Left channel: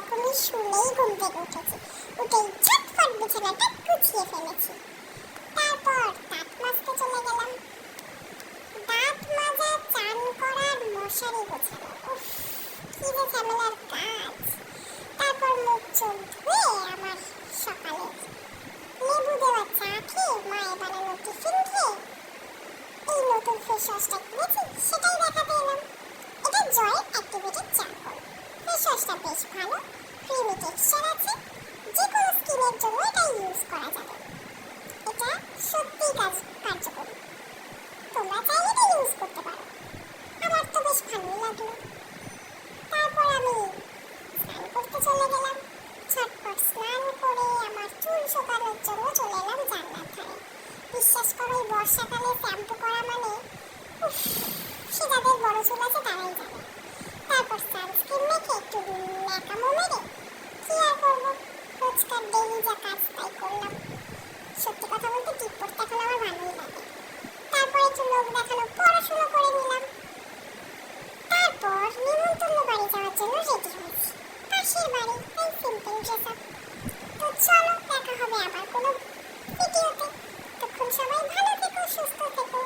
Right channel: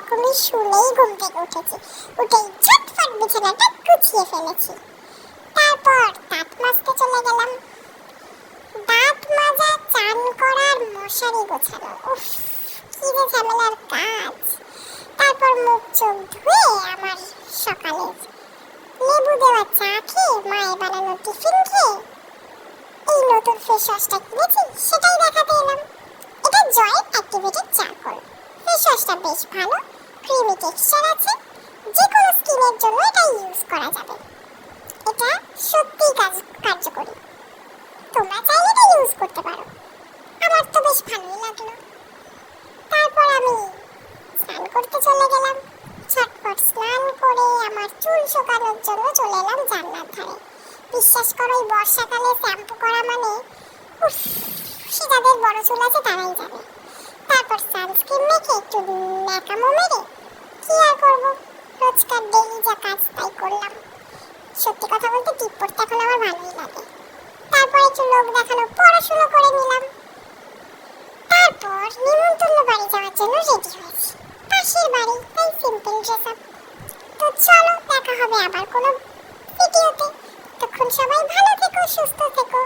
রকমের শুনেই ঘুম থেকে উঠেছি। উঠেই ঝটফট বিছানাটা গুছিয়ে ফেলেছি। তারপর দাঁত মাজতে চলে গেলাম। দাঁত মাজা, চান করার, মশারি গোছানো, উফ কি যে ঝামেলার কাজ। তারপর মুখ চোখ ধুয়ে আমার সকালে লেবু দেওয়া চা খেয়ে, মায়ের বানানো টিফিন খেয়ে এই নতুন ফেস ওয়াশটা কিনেছি সেটাই দেখাতে এলাম। এটা জয়ের অ্যাক্টিভেটেড চারকোল। ফেস ওয়াশটা বেশ ভালো, ক্রিমি টেক্সচার আছে, যে কোনো স্কিনের জন্য এটা ইউজ করা যাবে। এটা সত্যিই কার্যকরী, তোমরা চাইলে এটা ইউজ করতে পারো। আমার তো বেশ ভালোই লাগলো। তারপর আমি স্নান করতে চলে গেলাম। ঝটপট স্নান করে আমার চুল শুকানোর জন্য চলে এলাম জানলার ধারে। বিশ্বাস করো, এই বর্ষাকালে শ্যাম্পু করা মানে উফ, সে যাদের বড় চুল আছে তারাই জানে। তারপর সানস্ক্রিন মেখে একটু ন্যাকামো মেরে কি আর করবো, রোজকার ডেইলি যা কাজ তাই করলাম। সত্যি কথা বলতে টিপ পড়তে এখন আমার ভালোই লাগে। তারপর একটু লোক দেখানো পড়াশুনো করে নিলাম। তারপর নিমন্ত্রণ বাড়ি যাওয়ার জন্য রেডি হয়েছি। পাশের বাড়ি, তাই সিম্পল ড্রেস আপ। তো চলো, দেখা হবে আবার কোনো ভিডিওতে। তখন সবাই ভালো থেকো, সুস্থ থেকো।